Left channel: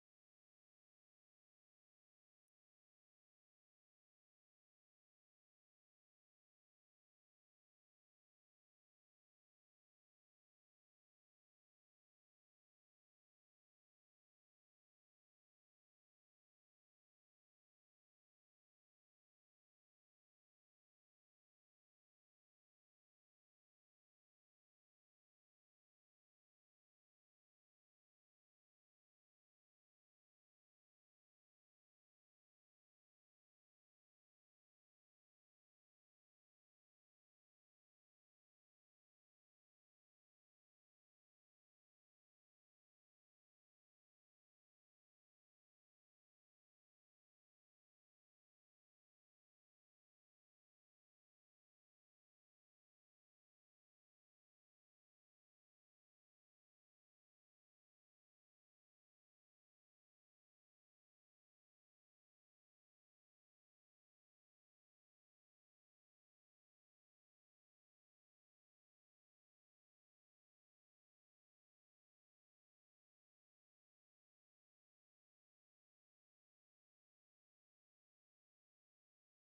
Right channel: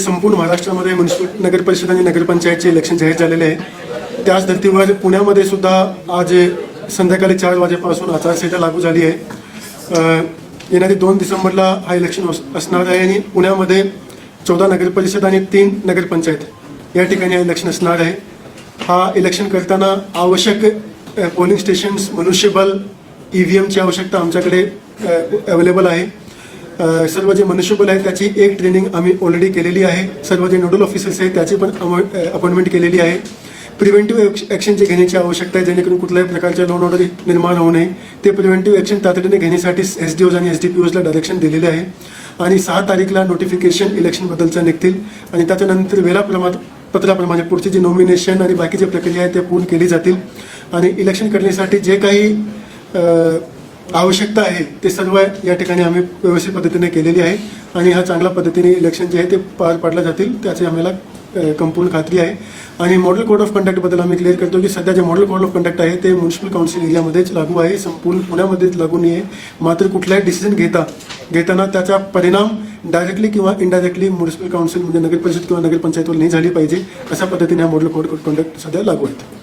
संपूर्ण महाराष्ट्रामध्ये म्युनिसिपल नगर परिषद आणि नगरपंचायतचे इलेक्शन जाहीर झालेले आहे. त्याच धर्तीवर पुण्यामध्ये सुद्धा आज संध्याकाळी 4 वाजेपासून आचारसंहिता लागू झाली आहे. येणारी 2 डिसेंबरला हा इलेक्शन असणार आहे आणि पुण्यामध्ये 14 नगरपरिषद आणि 3 नगरपंचायत या ठिकाणी हा इलेक्शन असणार आहे. हा इलेक्शन करताना आवश्यक पोलिंग स्टेशन्स, मनुष्यबळ, EVMची आवश्यकता आमच्याकडे अवेलेबल आहे. सर्व जे मनुष्यबळ आहे त्याची एक ट्रेनिंग आम्ही ऑलरेडी केलेली आहे. सर्व जे नोडल ऑफिसर्स आहेत त्याची पण अपॉइंटमेंट केलेली आहे. प्रिव्हेंटिव्ह ॲक्शन जे घेण्याची आवश्यकता आहे जेणेकरून कुठल्याही प्रकारच्या लॉ ऑर्डर निर्माण होऊ नये. ते प्रिव्हेंटिव्ह ॲक्शन तातडीने घेण्यासाठी SDOs आणि SDPOsला डायरेक्शन दिलेले आहे. आणि 6 तारीखला नोटिफिकेशन इलेक्शनबद्दलचं निघतील आणि त्याच्यानंतर वेळापत्रकाप्रमाणे पुढची जी नॉमिनेशन आणि बाकीची प्रक्रिया आहे ते पूर्ण केली जातील. आणि इलेक्शन करण्यासाठी जे काही आवश्यकता आहे ते सर्व या ठिकाणी आम्ही व्यवस्थित पद्धतीने केलेली आहे आणि हा चांगल्या पद्धतीने इलेक्शन जे आहे ते पार पाडले जातील त्याची आम्हाला संपूर्ण खात्री आहे. आणि मॉडेल कोड ऑफ कंडक्टबद्दल आम्ही क्लिअर करतो की सध्या जे मॉडेल कोड ऑफ कंडक्ट आहे ते म्युनिसिपल काउन्सिल एरियामध्येच लागू आहे, संपूर्ण पुण्यामध्येच लागू नाही आहे. मात्र कुठलाही डिसिजन घेताना त्याचा परिणाम डायरेक्टली किंवा इनडायरेक्टली म्युनिसिपल काउन्सिल म्हणजे नगरपरिषद किंवा नगरपंचायतवर नाही झाली पाहिजे अशा पद्धतीने हा मॉडेल कोड ऑफ कंडक्ट सध्या लागू आहे.